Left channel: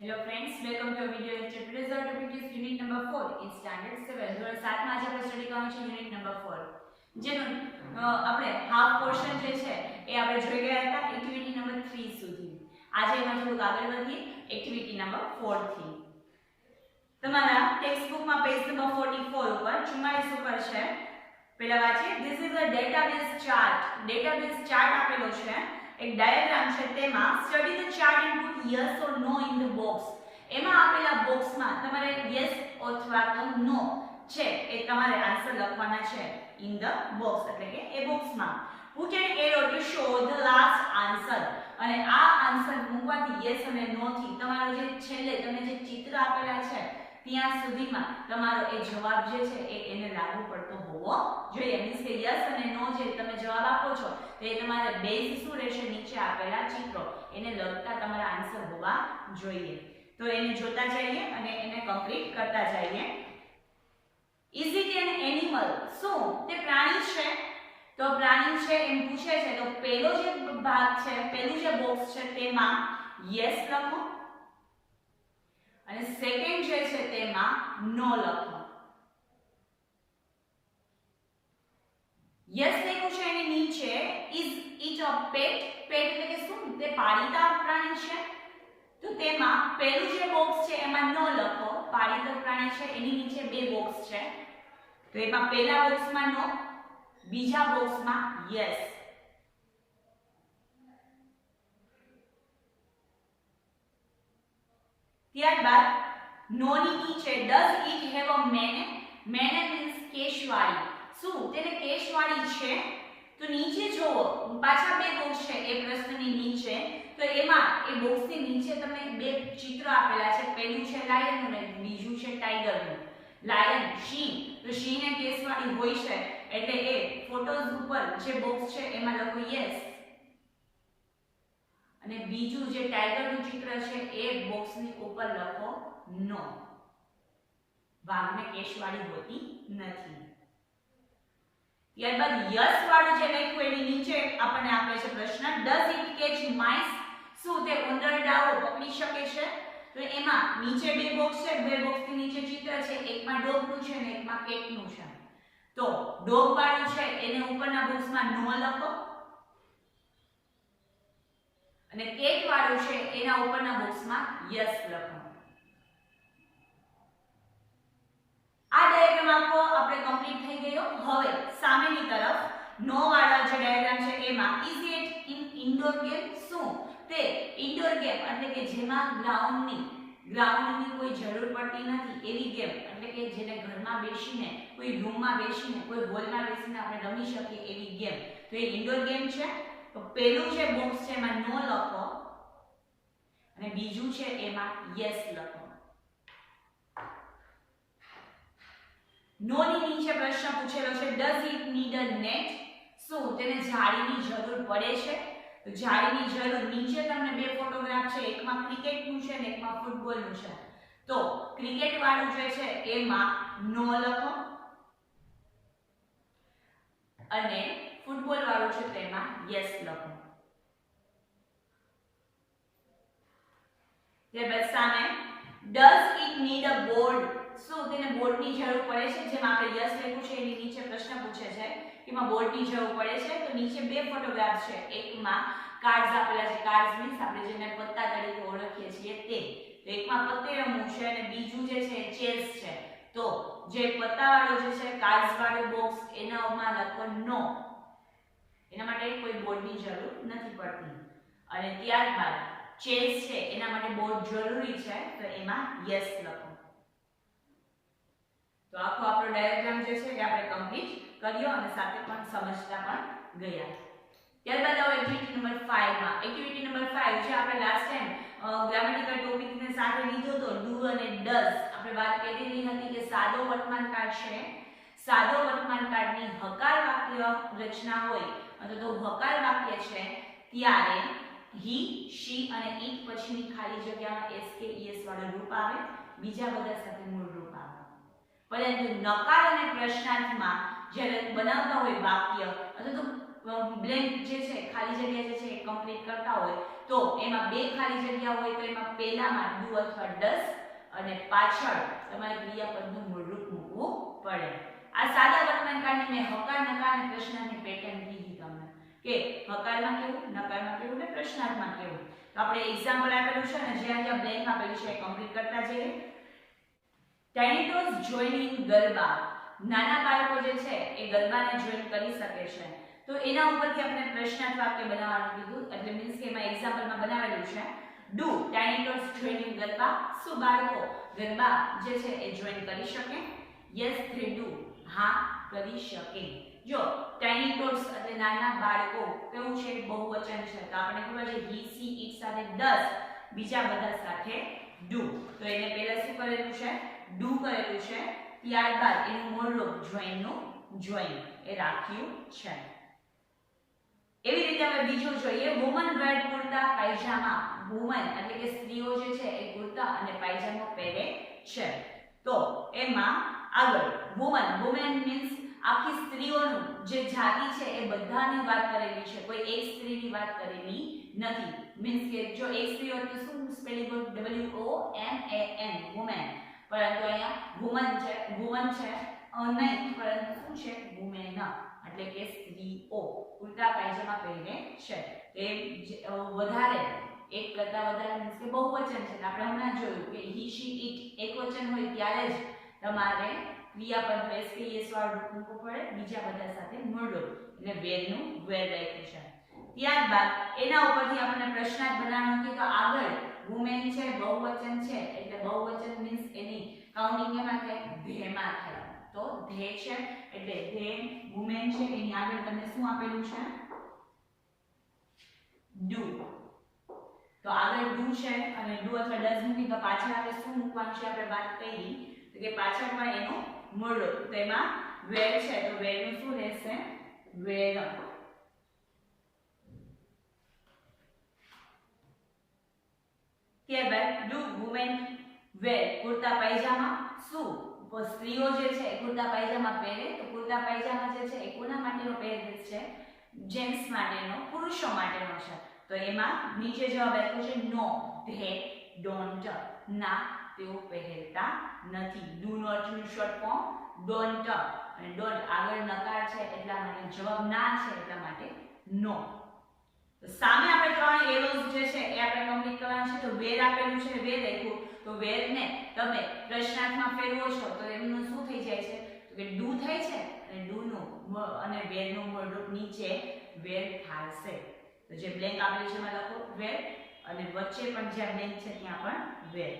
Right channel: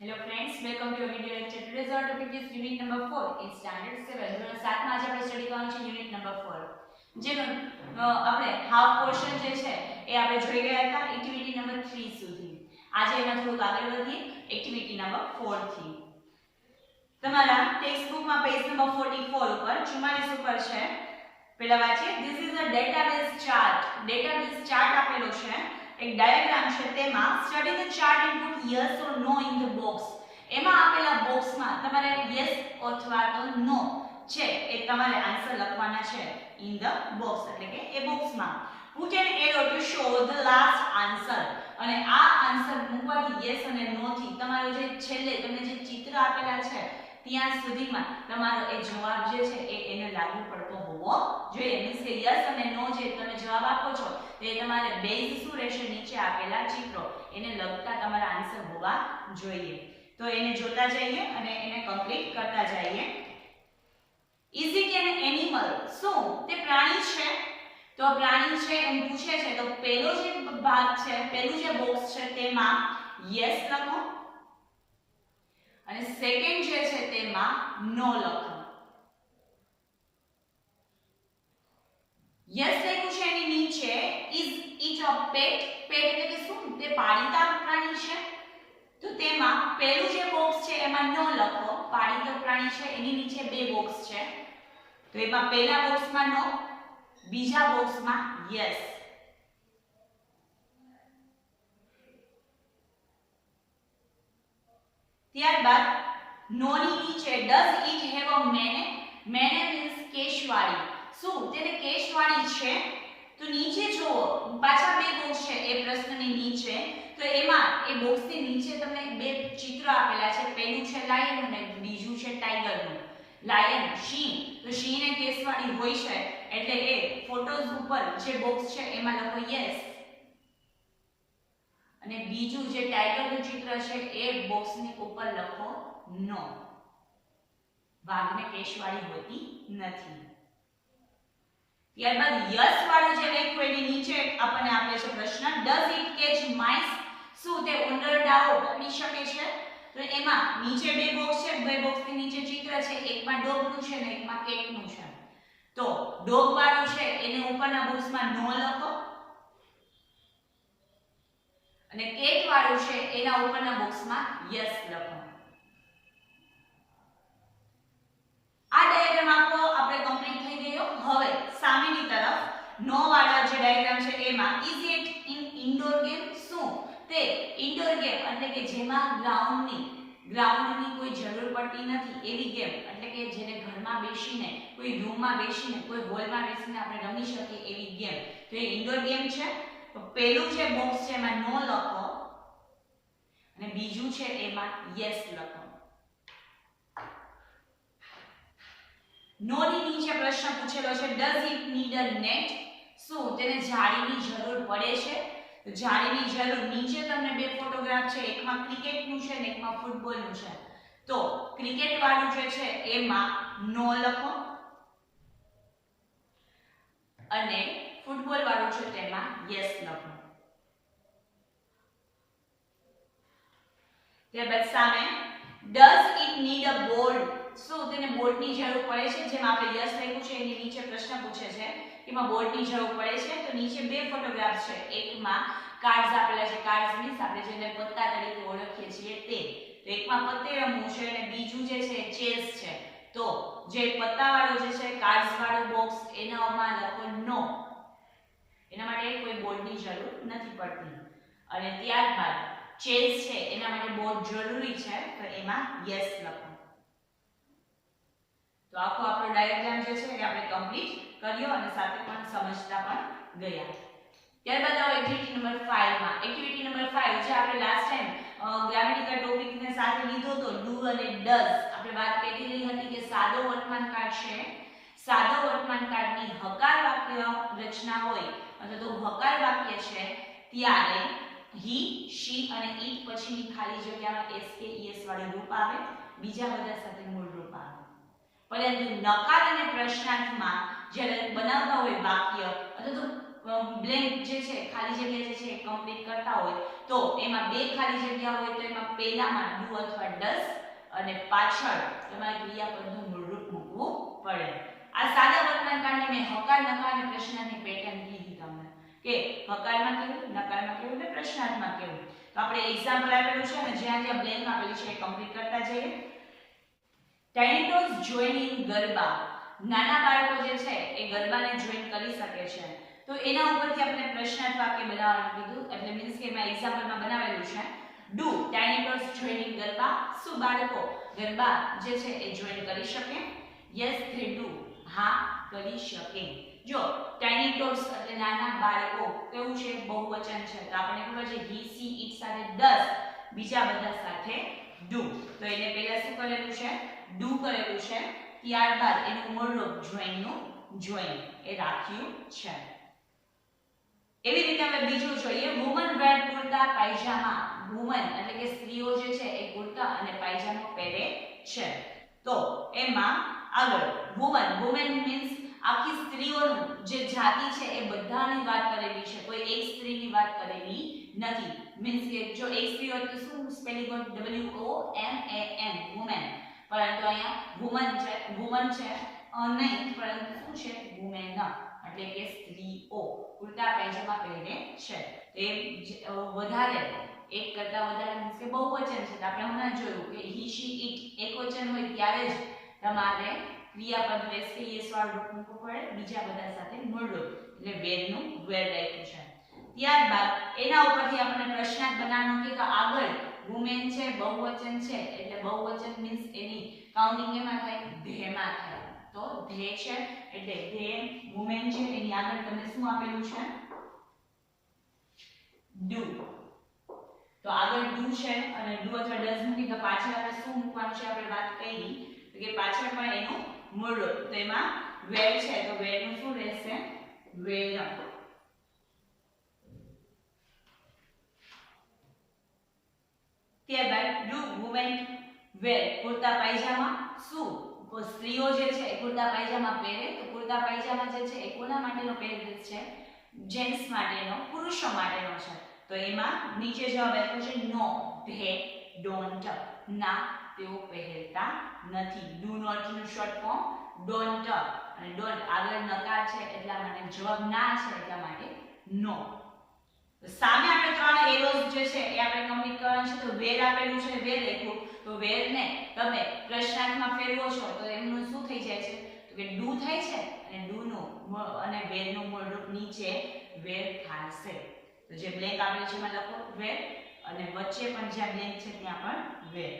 Hello friends, welcome to our video lecture. Today's our topic is unit number 4 in standard 7. ધોરણ 7 માં આજે આપણે study કરવાનું છે યુનિટ નંબર 4. જેનો આપણે હાફ પોર્શન જે છે એ આપણે જોઈ ગયા હતા એક્ટિવિટી નંબર 3 સુધી. આજે એમાં થોડુંક આગળ વધીએ એક્ટિવિટી નંબર 4 થી. તમારા ટેક્સ્ટ બુકમાં પેજ નંબર 44 ઉપર 44 ઉપર છે. પહેલા વાંચીએ. This is a database chart. database chart આપેલો છે. એક ડાયાગ્રામ છે તેમાં study the chart and put yes or no in the box. એમાં આપેલા બોક્સમાં તમારે યસ અથવા તો નો છે એ તમારે આન્સર લખવાના છે ઇન ધ બોક્સ એટલે કે એ બોક્સમાં. Put an arrow to show the last answer. અને આ આન્સર મૂકવાથી યસ અને નો થી તમારો જે છેલ્લે તમને જે ચિત્ર આપેલા છે ત્યાં સુધીમાં તમારો એ જવાબ જે છે એ એને લાગુ પડતો હોવો જોઈએ. મીન્સ કે યસ અને નો જે તમે જવાબ આપો છો તે તમારે બેઝ શું રહેશે નીચે આપેલા ચિત્રો એને લગતા તમારા આન્સર હોવા જોઈએ. તો એને જોતા જઈએ અને એને કમ્પ્લીટ કરતા જઈએ. Is it N animal? શું તે પ્રાણી છે? તો પ્રાણી છે એમ પૂછે છે તો પહેલો જે ભાગ છે પહેલું જે બોક્સ છે તેમાં યસ લખો અને સેકન્ડ જે છે તેમાં નો લખો. યસ લખ્યું છે એની નીચે ઇઝ ઇટ અ પેટ? પેટ એટલે કે શું તે પાળીતા પ્રાણી છે? તો તેમાં પહેલું જે બોક્સ છે એમાં નો લખો. પાળીતો પ્રાણી છે એની નીચે બે બોક્સ છે તો એમાં પહેલા બોક્સમાં નો, બીજા બોક્સમાં યસ. ત્યારબાદ નો ની નીચે does it have a Maine? Maine means કેશવાળી. શું તેને કેશવાળી છે? તો નીચે જુઓ પાછા બે બોક્સ છે એ પ્રશ્નની નીચે. તો એમાં એ બોક્સની નીચે તમને બે ચિત્ર આપેલા છે. પહેલું છે લાયન અને બીજું છે ટાઈગરનું. લાયન સિંહ, તો સિંહને કેશવાળી હોય છે એટલે એ ફોટોઝ ઉપર જે બોક્સ છે એમાં લખો યસ અને બીજું જે ટાઈગરનું ચિત્ર છે એ બોક્સની ઉપર લખો નો. વાઘને કેશવાળી હોતી નથી. ત્યારબાદ યસ વાળું જે લખ્યું એની નીચે આપણને આપે છે પ્રશ્ન ડઝ ઇટ કેચ માઇસ? શું તે ઉંદરડાઓ પકડી શકે છે? તો એમાં નીચે બે બોક્સ છે, બે બોક્સની નીચે ચિત્ર છે. એકમાં ડોગનું છે અને એકમાં કેટનું છે. તો ડોગ વાળું છે એને ઉપરના બોક્સમાં નો લખો અને કેટ વાળું છે એના ઉપરના બોક્સમાં યસ લખો. આ ડાયાગ્રામ આખો આપણે કમ્પ્લીટ થઈ ગયો. હવે સામેની તરફ નો વાળા જે ડાયાગ્રામ છે એમાં is it in indoor game? શું તે ઇન્ડોર ગેમ એટલે કે જેમાં ગ્રાઉન્ડની કોઈ જરૂર પડતી નથી એવી ગેમ એટલે કે જેને ઘરમાં બેસીને કોઈ રૂમમાં બેસીને કોઈ હોલમાં બેસીને આપણે રમી શકીએ એવી ગેમ. તો એ ઇન્ડોર ગેમ છે. તો પહેલું જે બોક્સ છે એમાં નો લખો અને બીજું છે એમાં યસ લખો. નો ની નીચે પ્રશ્ન પૂછેલો છે does it need a net? શું તેને જાળીની જરૂર પડે છે? તો જાળીની જરૂર નીચે તમને બે ફોટોગ્રાફ છે એકમાં ક્રિકેટનું છે અને એકમાં ફૂટબોલનું છે. તો ક્રિકેટ વાળું જે છે એમાં નો લખો અને ફૂટબોલ વાળું છે તેમાં યસ લખો. ત્યારબાદ સામે does it need a board? શું તેને બોર્ડની જરૂર પડે છે? જેમાં આપણે યસ લખ્યું છે એની નીચે પ્રશ્ન પૂછે છે એમાં બોર્ડની જરૂર પડે છે. તો નીચે બે ફોટોગ્રાફ છે એકમાં કાર્ડ્સ આપેલા છે. કાર્ડ્સ મીન્સ આપણે જેને પત્તા તરીકે ઓળખીએ છીએ તે. તો એકમાં પત્તે રમવું છે અને બીજું જે છે ચેસ છે. તો જે પત્તા વાળો જે છે કાર્ડ્સ વાળું બોક્સ એનામાં લખો નો. એના માટે કોઈ બોર્ડની જરૂર નથી પડતી. અને ત્યારબાદ ચેસ છે એના માટે બોર્ડ જરૂરી છે તો એમાં યસ લખો. તો આખો આપણો ડાયાગ્રામ જે છે એ આપણે કમ્પ્લીટ કર્યો અને સાથે પણ સમજતા પણ ગયા. ત્યારબાદ આવો એક્ટિવિટી નંબર 5 માં. એક્ટિવિટી નંબર 5 જે આપણે લાસ્ટ ટાઈમ ગ્રામેટિકલ ટોપિકને સાથે લીધો તો ડુ અને ડઝ. આપણે વાત કરી રહી હતી કે સાદો વર્તમાનકાળ છે. સાદો વર્તમાનકાળની હકાર વાક્ય રચના હોય અથવા તો હકાર વાક્ય છે ત્યારે હી, શી અને ઈટ પછીની ખાલી જગ્યામાં એસ કે ઈએસ વાળું રૂપ આવે. બીજા બધા સાથે મૂળ રૂપ આવે. પરંતુ નકાર અને પ્રશ્નાર્થમાં જ્યારે બનાવતા હોય વાક્ય અથવા તો બ્લેન્ક જે છે ખાલી જગ્યા જે છે એ કમ્પ્લીટ કરતા હોય તો એમાં બે ખાલી જગ્યા હોય તો એમાં પહેલામાં ડુ અથવા ડસ અને પાછળ તમારે ક્રિયાપદનું મૂળરૂપ મૂકવું પડે. આ સાદા વર્તમાન કાળની મેં હકાર નકાર અને પ્રશ્નાર્થની પેટર્ન કીધી તમને કે હકારમાં કેવું, નકારમાં કેવું અને પ્રશ્નાર્થમાં કેવું. તો આપણે એક્ઝામ્પલ આપેલું છે અને જ્યાં જ્યાં બ્લેન્ક આપેલું છે એ કમ્પ્લીટ કરતા જઈએ. Tiny toss join in garba. નાના બાળકો જે છે એ ગરબાને જોઈન કરી શકે છે. તો એના ઉપરથી આપણે પ્રશ્નાર્થ વાક્ય બનાવવાનું કીધું, એટલે મીન્સ કે એમાં એક્ઝામ્પલમાં બનાવેલું છે do tiny toss join in garba. શું બાળકો ગરબા જે છે એ જોઈન કરી શકે? Yes they do. હા કરી શકે. જો ટાઇની ટોસ એટલે નાના બાળકો કેવું છે? બહુવચન છે. તો આપણે ખબર છે હી સી ઇટ સાથે ડસ, બીજા બધા સાથે ડુ. તો એને પહેલા શું કરેલું છે? ડુ કરેલું છે. ત્યારબાદ એનું મૂળરૂપ જોઈનનું જોઈન એ રાખ્યું છે. એવી રીતે આપણે બીજું જોઈએ. વુમન વેર કુર્તા પાયજામા. વુમન એટલે કે સ્ત્રીઓ જે છે એ કુર્તા અને પાયજામો પહેરે છે. તો એમાં આગળ વુમન, વુમેન મીન્સ આખી સ્ત્રીઓનું જે જાતિ છે એ બધાની વાત કરેલી છે, કોઈ એક સ્ત્રીની વાત કરેલી નથી. મીન્સ કે જો એક સ્ત્રી હોય તો શું સ્પેલિંગ હોય? WOMAN women. પરંતુ અહીંયા વુમન છે, વુમન છે નહીં, પરંતુ શું છે? વુમેન એટલે કે સ્ત્રીઓ કુર્તા પાયજામા પહેરે છે. એ વધારે એક કરતા વધારે મીન્સ કે બહુવચન છે. આપણે હમણાં જોયું કે હી શી ઇટ એકવચન હોય ત્યારે જ તમારે ક્રિયાપદ એસ કે એસ વાળું રૂપ મૂકવું પડે, બીજા બધા સાથે મૂળરૂપ એટલે વેરનું વેર રાખ્યું છે. ત્યારબાદ એના ઉપરથી આપણે પ્રશ્નાર્થ બનાવવાનું કે આગળ વુમેન છે, બહુવચન છે, એટલે બહુવચન મીન્સ એની કાઉન્ટિંગ એમાં થાય? ધેમાં થાય. તો ધે છે એટલે ધે વુમેન છે, એની આગળ તમને શું આપેલું છે? ડુ. તો આગળ ડુ છે અને ડુ અથવા ડઝ મૂકી તો પાછળ આપણે શું મૂકવાનું છે? આપણે વાત કરી કે પાછળ પણ એનું મૂળરૂપ. તો એમાં વેર છે તો વેરનું શું રહેશે? વેર. ત્યારબાદ ડુ વુમેન વેર કુર્તા પાયજામા. શું સ્ત્રીઓ જે છે એ કુર્તા પાયજામા પહેરે? તો કુર્તા પાયજામા જે છે એ કોના માટેનો પહેરવેશ છે? જેન્ટ્સ માટેનો, પુરુષો માટેનો છે. તો એમાં નીચે જવાબ આપ્યો છે નો, ધે ડોન્ટ. ના, તેઓ પહેરતા નથી. ડુ નોટ નું શોર્ટ ફોર્મ ડોન્ટ, અને ડોન્ટ આગળ નકાર છે એટલા માટે જવાબ ના છે એટલા માટે નો. સામે આપણે ત્રણ એરોઝ જે છે એ આપણે કમ્પ્લીટ કરવાનું છે. તો વેર આપેલું છે, વેર લખ્યું. તો વેર ને તમે પ્રશ્નાર્થમાં ફેરવો છો તો એમનું શું થઈ જાય છે? તો કે ડુ થાય છે અને ડુ નું અને વેર નું મૂળરૂપ નીચે વેર થશે. તો જે બ્લેન્ક આપેલું છે એમાં લખો વેર અને વચ્ચે પણ જ્યાં બ્લેન્ક છે ત્યાં પણ wear.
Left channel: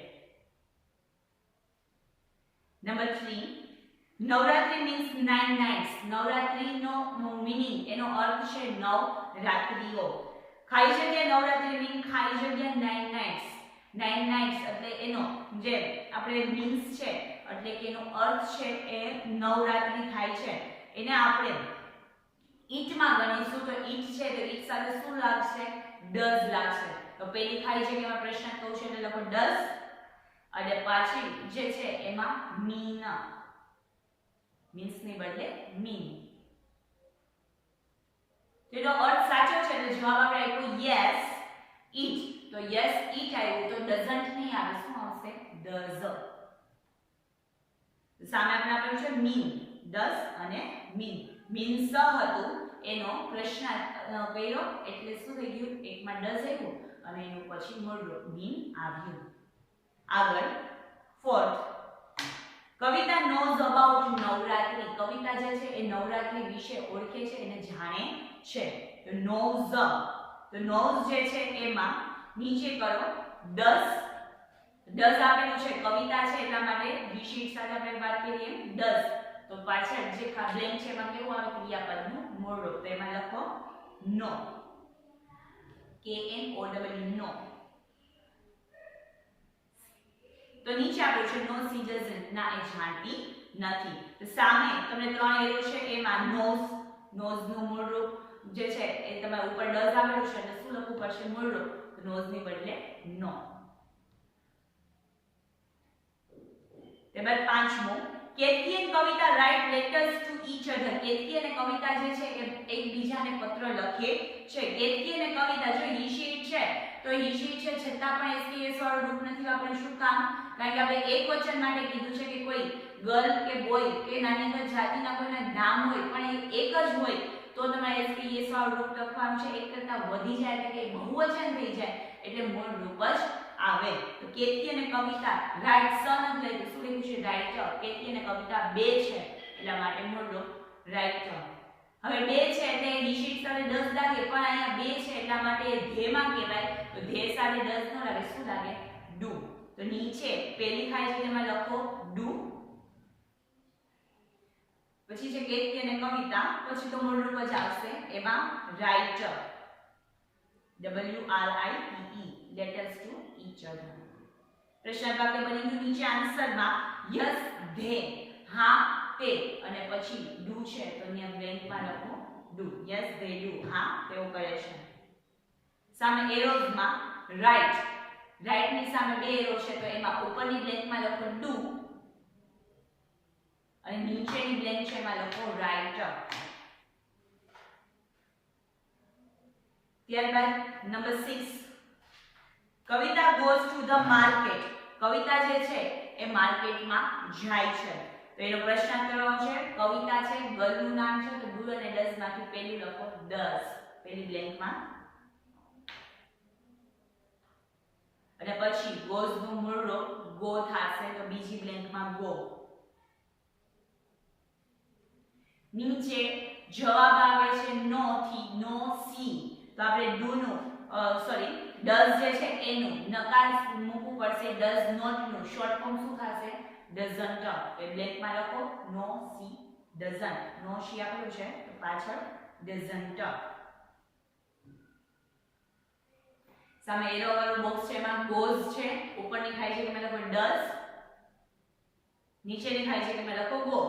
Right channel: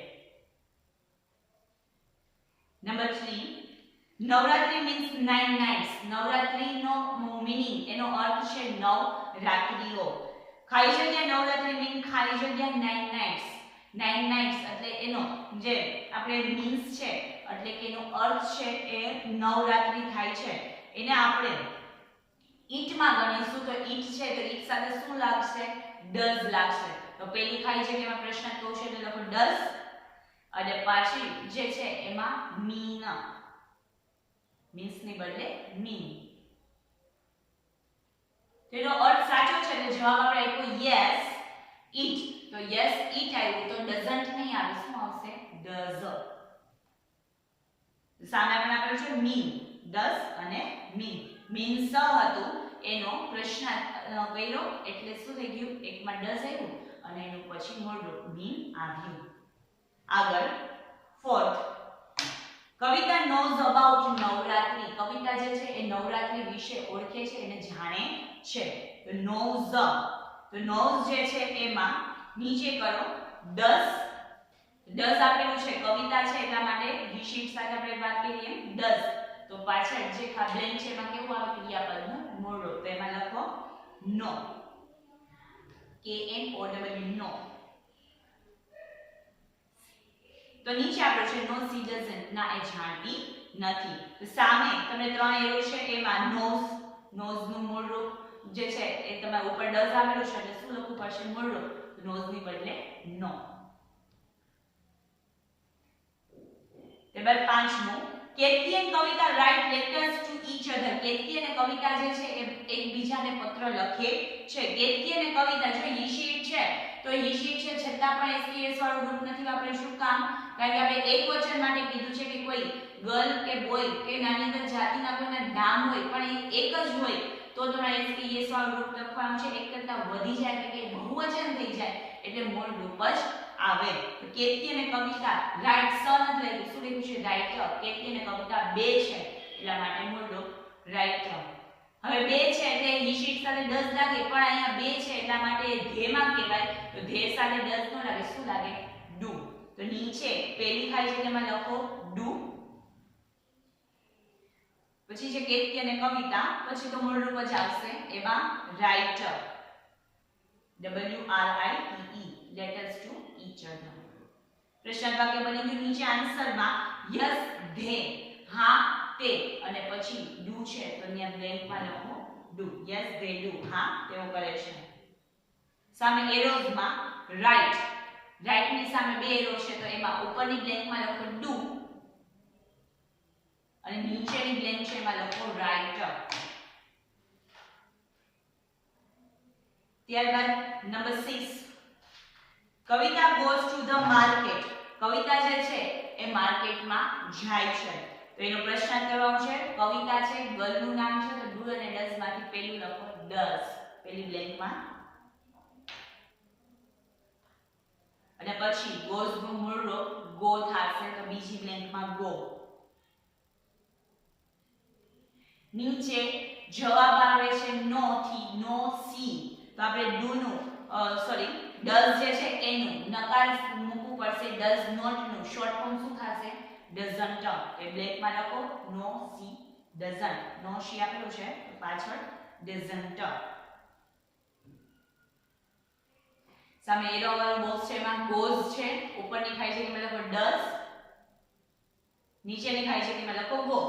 Number 3 Navratri means 9 nights. નવરાત્રીનો મીનિંગ એનો અર્થ છે 9 રાત્રિઓ. ખાલી જગ્યા નવરાત્રી મીન ખાલી જગ્યા 9 નાઇટ્સ. 9 નાઇટ્સ એટલે એનો જે આપણે મીન્સ છે એટલે કે એનો અર્થ છે એ નવરાત્રી થાય છે. એને આપણે ઈટમાં ગણીશું તો ઈટ છે તો ઈટ સાથે શું લાગશે? ડઝ લાગશે. તો પહેલી ખાલી જગ્યામાં પ્રશ્ન કહું છે એટલે લખો ડઝ અને પાછી જે છે એમાં મીન, મીન્સ ની બદલે મીન. તેનો અર્થ સાચો છે એટલે જવાબ આપણે આપ્યો યસ ઈટ. તો યસ ઈટ આવ્યું તો ડઝન્ટ નહીં આવે. શું આવશે? ડઝ. સામે આપણે આપેલું છે મીન, ડઝ અને મીન. મીન્સ હતું એનો પ્રશ્નાર્થ કર્યો એટલે શું થઈ ગયું? એકમાં ડઝ આવ્યું અને એનું પછી મૂળરૂપ મીન આવ્યું. આગળ fourth Kavita knows about Navratri. Kavita જે છે એ નવરાત્રી વિશે ઓળખે છે, એને જાણે છે. તો નોઝ, તો નોઝ જે છે એમાં નીચે કરો ડઝ. ડઝ આપેલું છે કવિતા છે એટલા માટે વિશેષ સાથે આપણે વાત કરીએ એમ ડઝ. તો પાછળ જે બ્લેન્ક છે એમાં કેવું આવે? ક્રિયાપદનું મૂળરૂપ. તો એમાં લખો નો, KNOW નો. તો નીચે આપ્યું છે નો સી ડઝન્ટ. ના, એ જાણતી નથી. તો સામે તમને ત્રણ એરો છે એમાં નોઝ, નોઝ નું મૂળરૂપ જે છે એ તમારે ઉપર ડઝ આપેલું છે એટલે શું લખવું પડશે? મૂળરૂપ. તો નોઝ ની બદલે નો. ત્યારબાદ પાંચમું કેતકી અને Kavita write letters to each other. Ketaki અને કવિતા જે છે એ એકબીજાને પત્ર લખે છે. કેતકી અને કવિતા જો હી શી ઇટ છે તો તો હી શી છે છતાં પણ એસકેએસ વાળું રૂપ નથી વાપર્યું. શું કામ? કારણ કે આપણે એક વચન માટે કીધું છે કે કોઈ ગર્લ કે બોય કે નાની નાની જાતિના કોઈના નામ હોય પણ એ એક જ હોય તો તમારે એસકેએસ વાળું રૂપ લખવાનું છે. એક કરતા વધી જાય એટલે કે બહુવચન થઈ જાય એટલે મૂળ રૂપ જ આવે. તો કેતકી અને કવિતા રાઈટ સન જ લઈ શું લખ્યું છે રાઇટર. કેતકી અને કવિતા બે છે એટલા માટે મૂળ રૂપ રાઇટર. હવે બે છે એટલે હી શીટ સાથે ડઝ લાગે પણ અહીંયા બે છે એટલા માટે ધેમાં કહેવાય. તો ધે સાથે ડઝ નો લાગે શું લાગે ડુ. તો નીચે પેલી ખાલી જગ્યામાં લખો ડુ. પછી છે કેતકી અને કવિતા પછી તો મૂળ રૂપ જ આવશે એમાં writer. WRITE letters to each other. પ્રશ્ન વાક્ય બની ગયું. નીચે આન્સરમાં યસ ધે હા તે અને પછી ડુ છે તો અહીંયા બ્લેન્કમાં લખો ડુ. યસ ધે ડુ હા તેઓ કરે છે. સામે એરોઝમાં રાઈટ રાઈટ ની સામે બે એરો છે તો એમાં ઉપરની બ્લેન્કમાં લખો ડુ અને નીચેની બ્લેન્ક છે એમાં લખો રાઇટર. ત્યારબાદ number 6 Kavita goes to the market. કવિતા જે છે એ માર્કેટમાં જાય છે. તો એનો પ્રશ્ન કરવાનો છે. કવિતા છે ગર્લનું નામ છે તો ડુ અને ડઝ માંથી પહેલું લખો ડઝ પેલી બ્લેન્કમાં અને પછી goes નું મૂળ રૂપ go થશે તો બીજી બ્લેન્કમાં go. નીચે જવાબ આવે છે નો થી નો સી તો આપણે ડુ નું સોરી ડઝ જે છે એનું નકાર મૂકવું પડશે. ડઝ નોટ નું શોર્ટ ફોર્મ શું થશે ડઝન્ટ. એ બ્લેન્કમાં લખો નો સી ડઝન્ટ. નો સી આપેલું છે તો પાછળ ડઝન્ટ. સામે એરો વાળું બોક્સ છે એમાં goes છે ઉપરની ખાઈ છે કે મેં લખો ડઝ નીચેની ખાઈ છે કે મેં લખો go.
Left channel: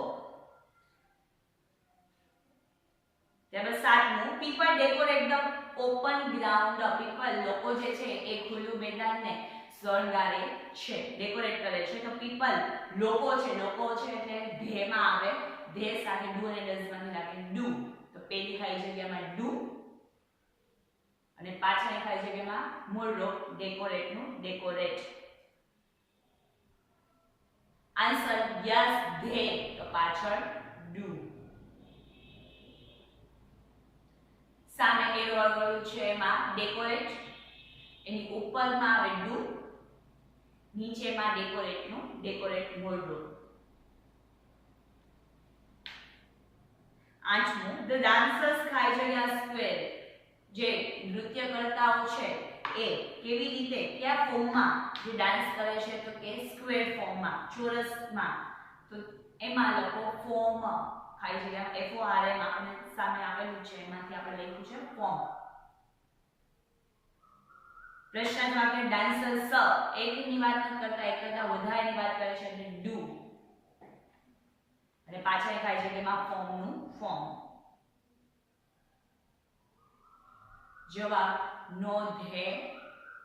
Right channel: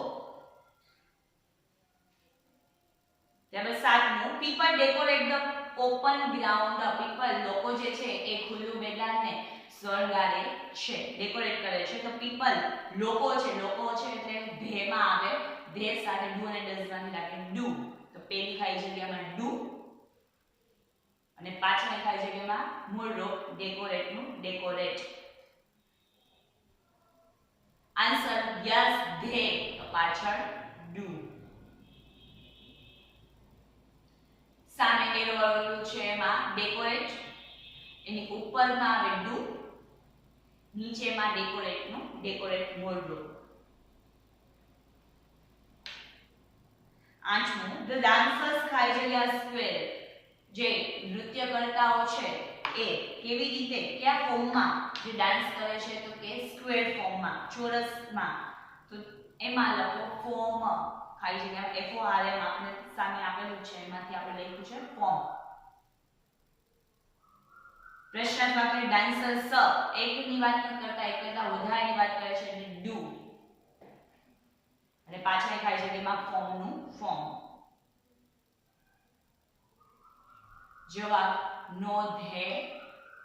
ત્યારબાદ 7મું people decorate the open ground. People લોકો જે છે એ ખુલ્લું મેદાનને શણગારે છે ડેકોરેટ કરે છે. તો પીપલ લોકો છે એટલે ધેમાં આવે. ધે સાથે ડુ અને ડઝ માંથી લાગે ડુ તો પેલી ખાલી જગ્યામાં ડુ અને પાછળની ખાલી જગ્યામાં મૂળ રૂપ ડેકોરેટ નું ડેકોરેટ. આન્સર યસ ધે તો પાછળ ડુ. સામે એરો વાળું છે એમાં ડેકોરેટ એની ઉપરમાં આવે ડુ નીચેમાં ડેકોરેટ નું ડેકોરેટ મૂળ રૂપ. 8મું ધ ડાન્સર્સ ખાઈ જગ્યા સ્ક્વેર. જે નૃત્ય કરતાઓ છે એ કેવી રીતે કયા ફોર્મમાં જે ડાન્સ કરે છે તો કે સ્ક્વેર ફોર્મમાં ચોરસમાં. તો એમાં લખો ફોર્મ ખાઈ જગ્યામાં FORM આપણે સામે આપેલું છે એમાંથી આપણે લખ્યું છે ફોર્મ. પ્રશ્ન વાક્ય ડાન્સર્સ એકની વાત નથી કરતા એક કરતા વધારેની વાત કરે છે એટલે ડુ અને પાછળની ખાઈ જગ્યામાં ફોર્મ નું ફોર્મ. જવાબ નો ધે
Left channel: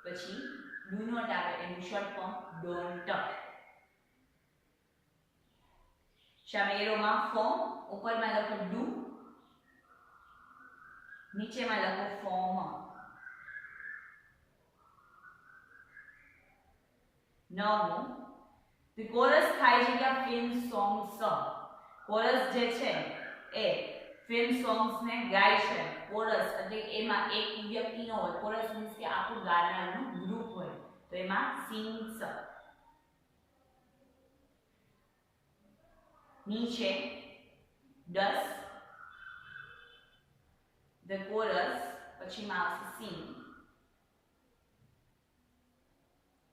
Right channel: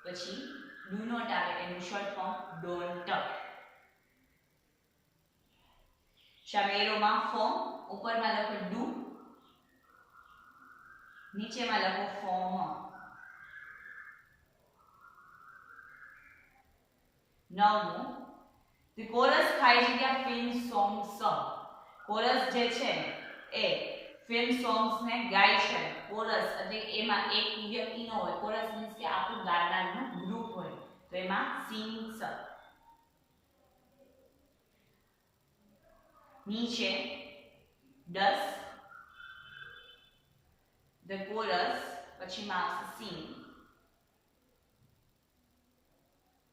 પછી ડુ નોટ આવે એનું શોર્ટ ફોર્મ ડોન્ટ. સામે એરોમાં ફોર્મ ઉપરમાં લખો ડુ નીચેમાં લખો ફોર્મ. 9મું ધ કોરસ ખાઈ જગ્યા ફિલ્મ સોંગ્સ. કોરસ જે છે એ ફિલ્મ સોંગ્સ ને ગાય છે. કોરસ એટલે એમાં એક વ્યક્તિ ન હોય. કોરસ મીન્સ કે આખું ગાનારનું ગ્રુપ હોય તો એમાં સિંગ્સ. નીચે ડસ ધ કોરસ પછીમાં આવશે સિંગ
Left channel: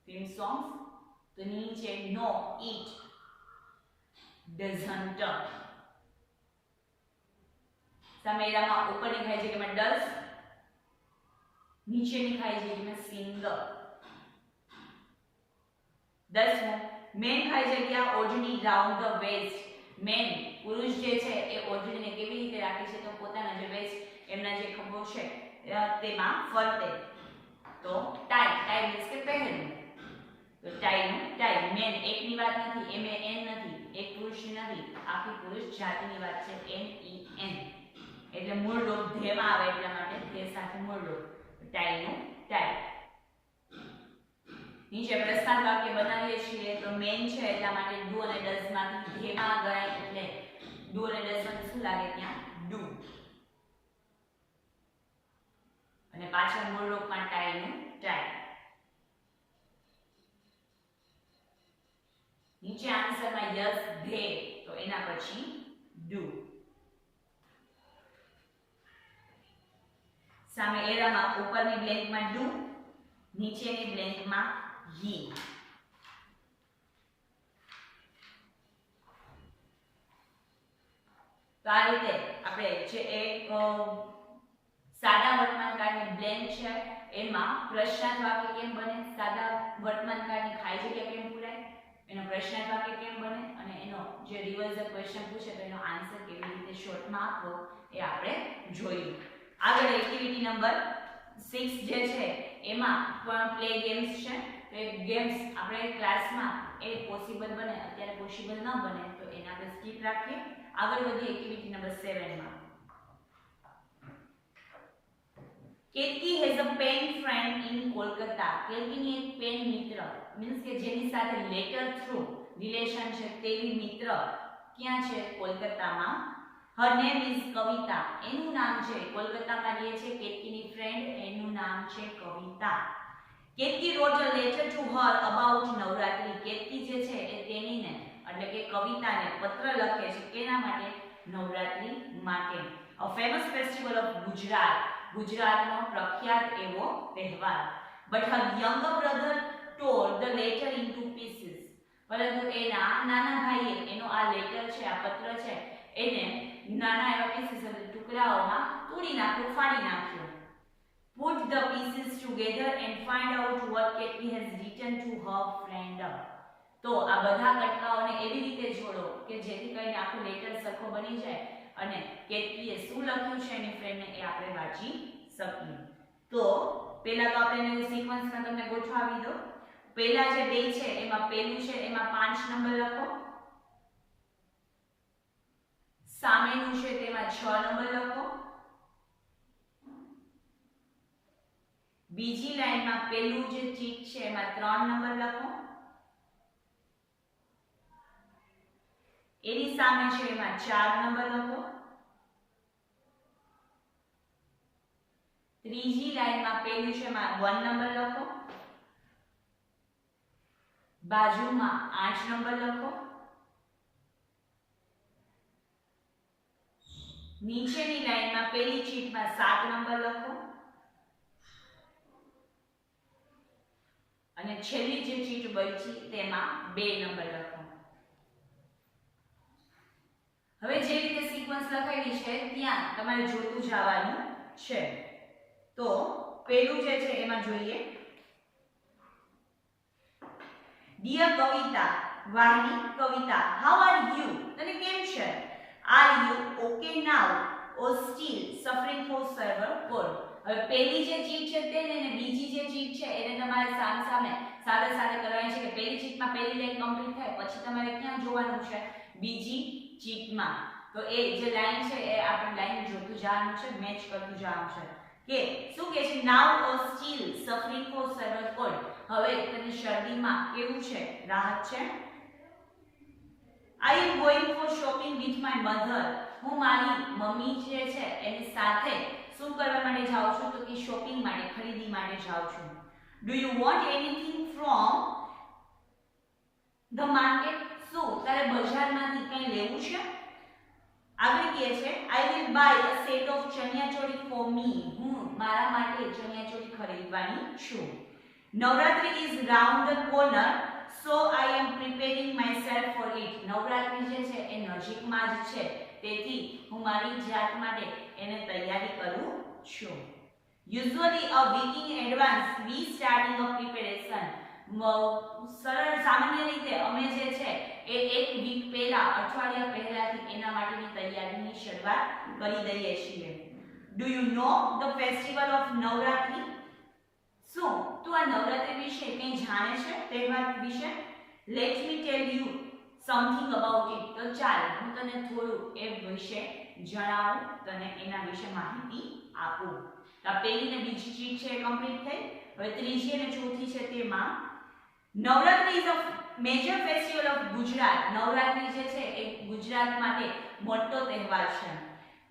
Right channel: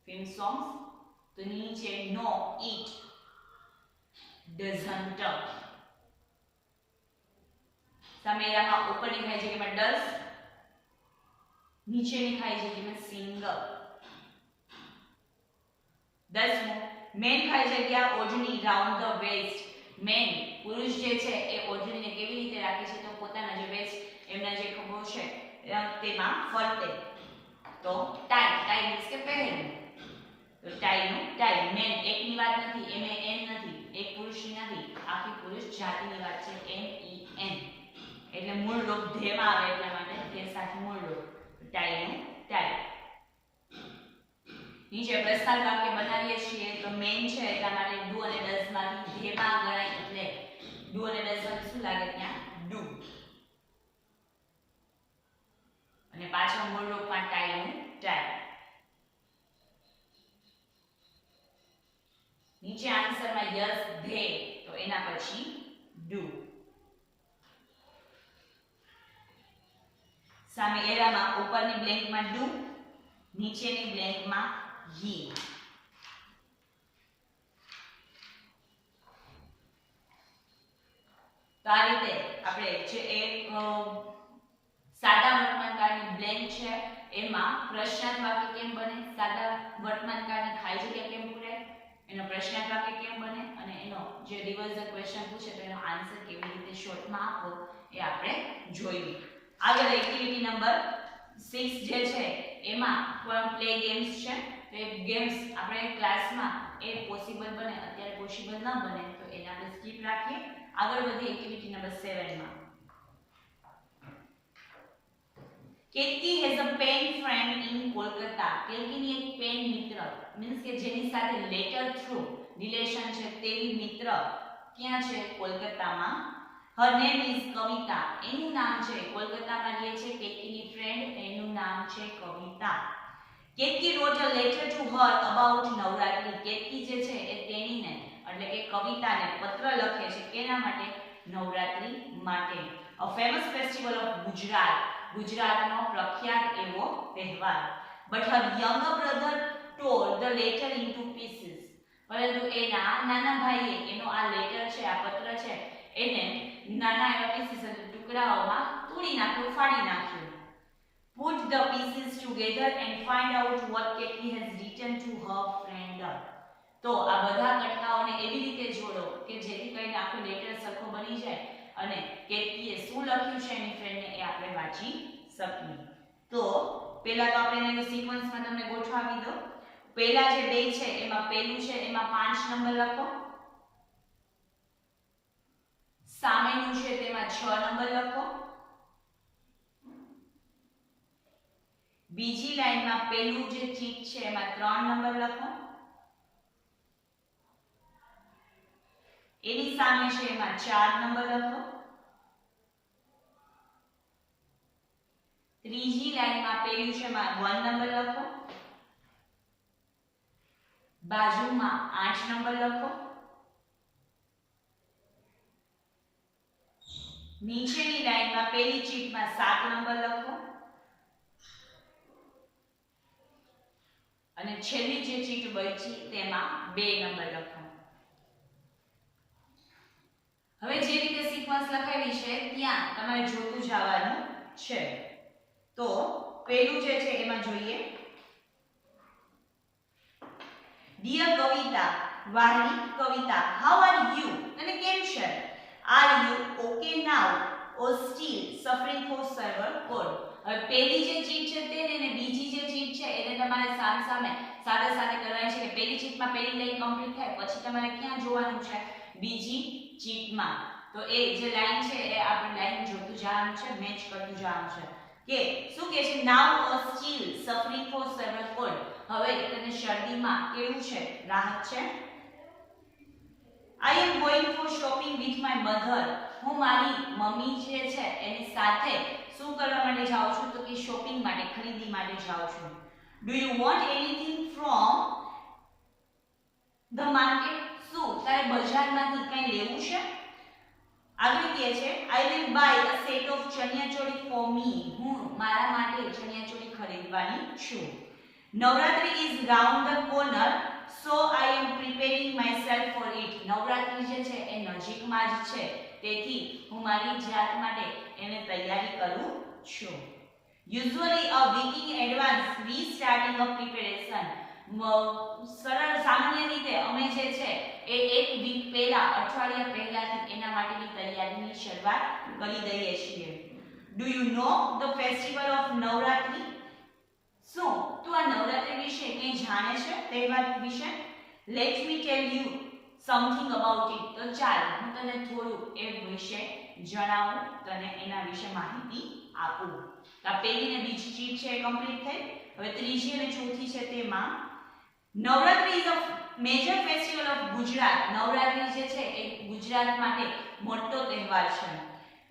ફિલ્મ સોંગ્સ તો નીચે નો ઇટ ડઝન્ટ. સામેરામાં ઉપરની ખાઈ જગ્યામાં ડઝ નીચેની ખાઈ જગ્યામાં સિંગ. 10મું મેન ખાઈ જગ્યા ઓઢણી રાઉન્ડ ધ વેસ્ટ. મેન પુરુષ જે છે એ ઓઢણીને કેવી રીતે રાખે છે તો પોતાના જે વેસ્ટ એમના જે ખભો છે તેમાં ફરતે. તો ટાઈ ટાઈ મીન્સ કે પહેરવું તો ટાઈ નું ટાઈ. મેન એકની વાત નથી એમ એ એન નથી એક પુરુષની નથી આખી પુરુષ જાતિની વાત છે MEN એટલે મૂળ રૂપ ધેમાં આવે એટલા માટે ધે સાથે મૂળ રૂપ ટાઈ નું ટાઈ. નીચે પ્રશ્નાર્થ વાક્ય બનાવીએ છીએ તો મેન છે એટલા માટે ડુ અને ડઝ માંથી ધેમાં ગણાય એટલે ડુ અને ડઝ માંથી શું લાગે ત્યાં ડુ અને પાછળ મૂળ રૂપમાં ટાઈ નું ટાઈ નીચે આન્સરમાં યસ ધે તો એના પછી ડુ સામે એરામાં ઉપરની બ્લેન્કમાં ડુ નીચેની બ્લેન્કમાં હી તો આ રીતે આપણે જે એક સાદા વર્તમાનકાળની બ્લેન્ક છે એમાં પ્રશ્નાર્થ વાક્ય કેમ બને સાદા વર્તમાનકાળની ખાલી જગ્યા કેમ પૂરાય એનો પ્રશ્નાર્થ વાક્ય કેમ બને અને એનો જે રિવર્ઝલ ક્વેશ્ચન પૂછે તો એનો આન્સર કેવી રીતે શોર્ટમાં આપવો એ આપણે જોયું આગળ એક્ટિવિટી નંબર 6 જે છે એમાં પણ પ્લે ગેમ્સ છે તો એ ગેમ્સ આપણે ક્લાસમાં એ પોસિબલ બને અત્યારે પોસિબલ ન બને તો એને આપણે સ્કીપ રાખીએ આગળ વધીએ એક્ટિવિટી નંબર 7 માં Ketaki has a pen friend in Kolkata કેતકીની એક પેન મિત્ર મીન્સ કે જેની સાથે લેટર થ્રુ રિલેશન છે તેવી મિત્ર ક્યાં છે કોલકાતામાં her name is કવિતા એનું નામ છે કોલકાતામાં રહે છે કેતકીની ફ્રેન્ડ એનું નામ છે કવિતા Ketaki wrote a letter to her about Navratri Ketaki જે છે એ તેણીને એટલે કે કવિતાને પત્ર લખે છે કેના માટે નવરાત્રી માટે a famous festival of Gujarat ગુજરાતનો પ્રખ્યાત એવો તહેવાર but her younger brother tore the letter into pieces પરંતુ એના નાના ભાઈએ એનો આ લેટર છે આ પત્ર છે એને નાના એવા પીસીસ એટલે ટુકડાઓમાં તોડી નાખ્યો ફાડી નાખ્યો put the pieces together and find out what Ketki has written to her friend તો આ બધા કટકાઓને એવી રીતે જોડો કે જેથી કરીને આખો લેટર સરખો બની જાય અને કેતકીએ શું લખ્યું છે એની ફ્રેન્ડને એ આપણે વાંચી શકીએ તો પહેલા તો આપણે એને સિક્વન્સમાં તમને ગોઠવાવી દો પહેલા જે બે છે એમાં પહેલું છે એમાં 5 નંબર લખો સામેનું છે તેમાં 6 નંબર લખો બીજી લાઈનમાં પહેલું જે ચીટ છે એમાં 3 નંબર લખો એની સામે છે એમાં 4 નંબર લખો ત્રીજી લાઈનમાં પહેલું છે એમાં 1 નંબર લખો બાજુમાં 8 નંબર લખો નીચેની લાઈનમાં પહેલી ચીટમાં 7 નંબર લખો અને છેલ્લી જે ચીટ બચી તેમાં 2 નંબર લખો હવે જે રીતે સિક્વન્સ લખાવી છે ત્યાં તમારે જોતું જવાનું છે તો પહેલું જે છે એમાં જોઈએ ડિયર કવિતા વાહની કવિતા હાઉ આર યુ તને કેમ છે are you okay now or still suffering for severe cold હવે પહેલી જે ચીટ છે તેને અને બીજી જે ચીટ છે એને તમારે સામે સાથે કરવાની છે કે પહેલી ચીટમાં પહેલી લાઈન કમ્પ્લીટ થાય પછી તમારે ક્યાં જોવાનું છે બીજી ચીટમાં તો એ જે લાઈન છે એ આપણે લાઈન જોતું જવાનું છે મેચ કરતું જવાનું છે કે શું કહે છે now or still suffering for severe cold હવે તને શરદીમાં કેવું છે રાહત છે I am going for shopping with my mother હું મારી મમ્મી જે છે એની સાથે શું કરવા માટે જાઉં છું તો કે શોપિંગ માટે ખરીદી માટે જાઉં છું do you want anything from the market શું તારે બજારમાંથી કંઈ લેવું છે આગળ કહે છે I will buy a set of chaniya choli for me હું મારા માટે ચણિયાચોળી ખરીદવાની છું Navratri is round the corner so I am preparing myself for it Navratri જે છે એ નજીકમાં જ છે તેથી હું મારી જાત માટે એને તૈયારી કરું છું usually a week in advance we starting a preparation સરળ સામાન્ય રીતે અમે જે છે એ એક વીક પહેલા અઠવાડિયા પહેલાથી એના માટેની તૈયારીની શરૂઆત કરી દઈએ છીએ do you know the festival of Navratri શું તું આ નવરાત્રી વિશે કંઈ જાણે છે તહેવાર વિશે let me tell you something about it તો ચાલ હું તને થોડું એ વિશે જણાવું તને એના વિશે માહિતી આપું તો પહેલી ને બીજી ચીટ છે એ કમ્પ્લીટ થઈ હવે ત્રીજી અને ચોથી છે તેમાં Navratri is a major festival of Gujarat. Navratri જે છે એ ગુજરાત માટે મોટો તહેવાર છે.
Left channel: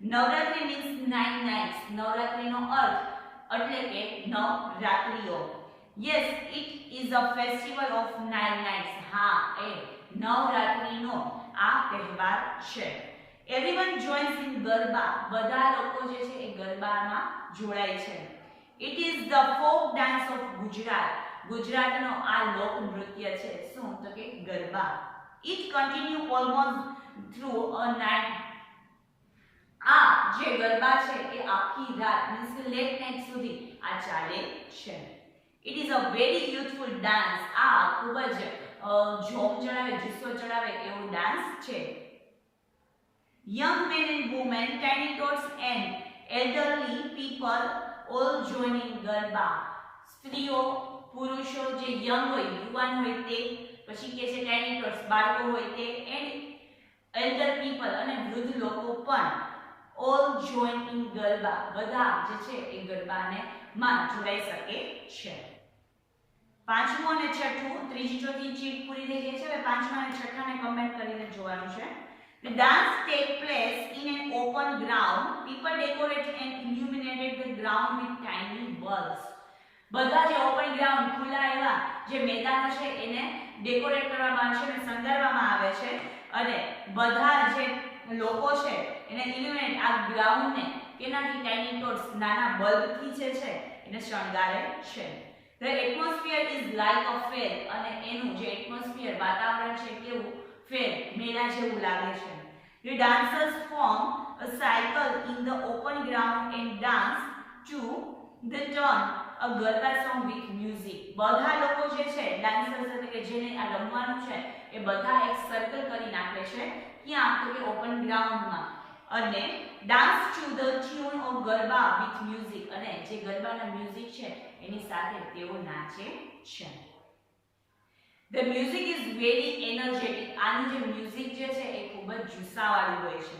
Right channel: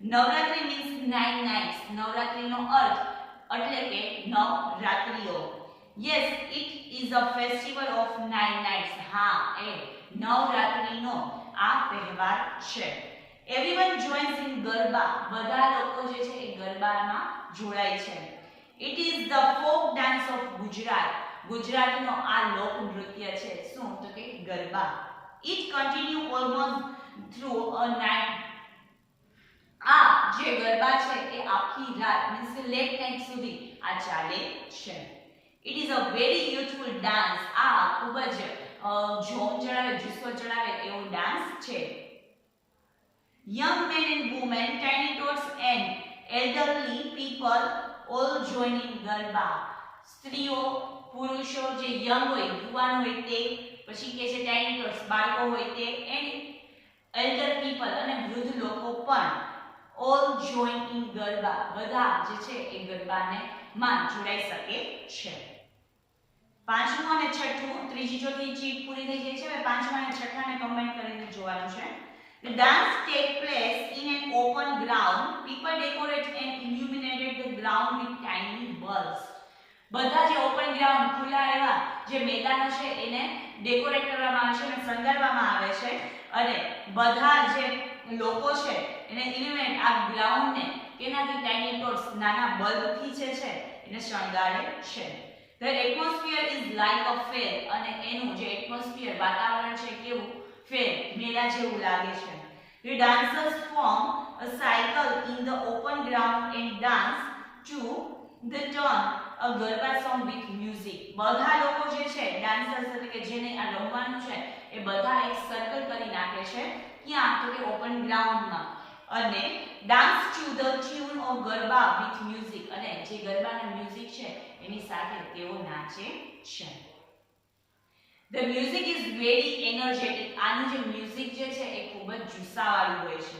Navratri means 9 nights. નવરાત્રીનો અર્થ એટલે કે 9 રાત્રિઓ. Yes, it is a festival of 9 nights. હા, એ નવરાત્રીનો આ તહેવાર છે. Everyone joins in garba. બધા લોકો જે છે એ ગરબામાં જોડાય છે. It is the folk dance of Gujarat. ગુજરાતનો આ લોક નૃત્ય છે. શું? તો કે garba. It continue almost through a night. આ જે ગરબા છે એ આખી રાત મીન્સ કે લેટ નાઇટ સુધી આ ચાલે છે. It is a very યુથફુલ dance. આ ખૂબ જ જોમ ચડાવે, જુસ્સો ચડાવે એવો ડાન્સ છે. Young men and women, tiny tots and elderly people all join in garba. સ્ત્રીઓ, પુરુષો જે યંગ હોય, યુવાન હોય તે, પછી કે છે ટાઇની ટોટ્સ બાળકો હોય તે, એન્ડ એલ્ડર પીપલ અને વૃદ્ધ લોકો પણ ઓલ જોઈન ઇન ગરબા. બધા જે છે એ ગરબાને માં જોડાઈ શકે છે. પાંચમું અને છઠ્ઠું, ત્રીજી ચોથી ચીટ પૂરી થઈ જાય છે. હવે પાંચમા અને છઠ્ઠાને કમ્બાઈન કરીને જોવાનું છે. The dance take place in an open ground. People decorate and illuminated the ground with tiny bulbs. બધા જે ઓપન ગ્રાઉન્ડ, ખુલ્લા એવા જે મેદાનો છે એને ડેકોરેટ કરવામાં આવે છે અને શણગારવામાં આવે છે અને બધા જે લોકો છે એને ઇલ્યુમિનેટ આ ગ્રાઉન્ડને કેનાથી ટાઇની ટોટ્સ નાના બલ્બથી જે છે એને શણગારે છે. The atmosphere is like a fair. અને એનું જે એટમોસ્ફિયર વાતાવરણ છે કેવું? ફેર, મેળા જેવું લાગે છે. The dancers form a cycle in the open ground and dance to the tune a garba song with music. બધા લોકો જે છે ડાન્સર્સ એટલે કે જેને આ રમવાનું છે એ બધા એક સર્કલ કરી નાખે છે. ક્યાં? તો કે ઓપન ગ્રાઉન્ડમાં. અને dance to the tune of garba with music. અને જે ગરબાના મ્યુઝિક છે એની સાથે તેઓ નાચે છે. The music is very energetic. આનું જે મ્યુઝિક જે છે એ ખૂબ જ જુસ્સાવાળું હોય છે.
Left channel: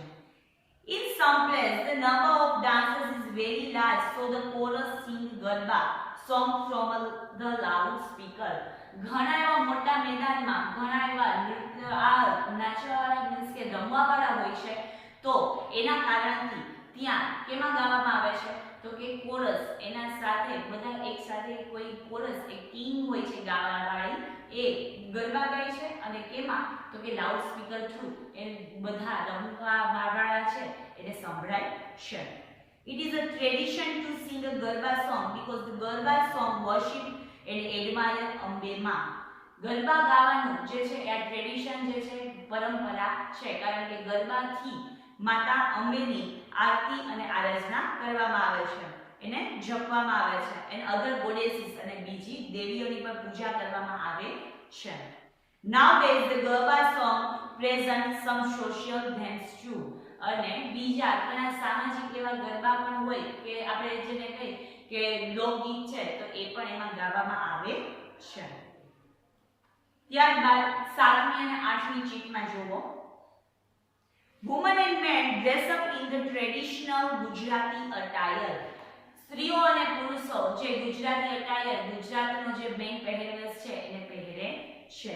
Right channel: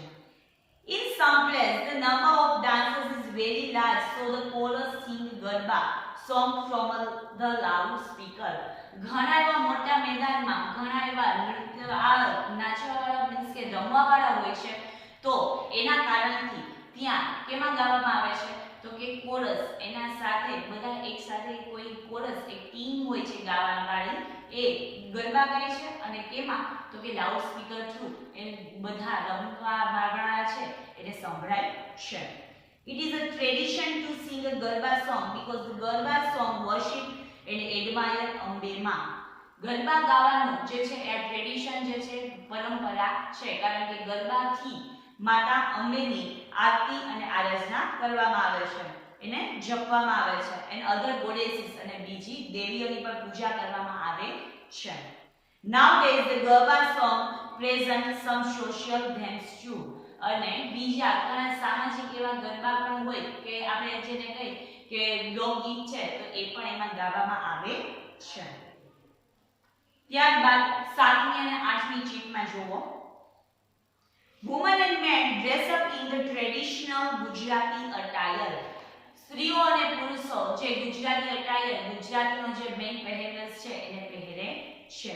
In some place the number of dancers is very large, so the chorus sing garba song from the loudspeaker. ઘણા એવા મોટા મેદાનમાં ઘણા એવા નૃત્ય આ નાચવાવાળા મીન્સ કે રમવાવાળા હોય છે, તો એના કારણથી ત્યાં કેમાં ગાવામાં આવે છે? તો કે કોરસ. એના સાથે બધા એક સાથે કોઈ કોરસ, એક ટીમ હોય છે ગાવાવાળી, એ ગરબા ગાય છે. અને કેમાં? તો કે લાઉડ સ્પીકર થ્રુ એ બધા રમવાવાળા છે એને સંભળાય છે. It is a tradition to sing a garba song because the garba song worship and admire Ambe માં. ગરબા ગાવાનું જે છે એ આ ટ્રેડિશન જે છે પરંપરા છે, કારણ કે ગરબાથી માતા અંબેની આરતી અને આરાધના કરવામાં આવે છે, એને જપવામાં આવે છે. એન્ડ અધર ગોડેસીસ અને બીજી દેવીઓની પણ પૂજા કરવામાં આવે છે. Nowadays the garba song present some social themes too. અને બીજા ઘણા સામાજિક એવા ગરબા પણ હોય કે આપણે જેને કહી કે લોકગીત છે તો એ પણ એમાં ગાવામાં આવે છે. ત્યારબાદ 7મી અને 8મી ચીટમાં જોવો. Women and men dress up in the traditional Gujarati attire. સ્ત્રીઓ અને પુરુષો જે ગુજરાતી અટાયર, ગુજરાતનો જે મેઇન પહેરવેશ છે એને પહેરે છે.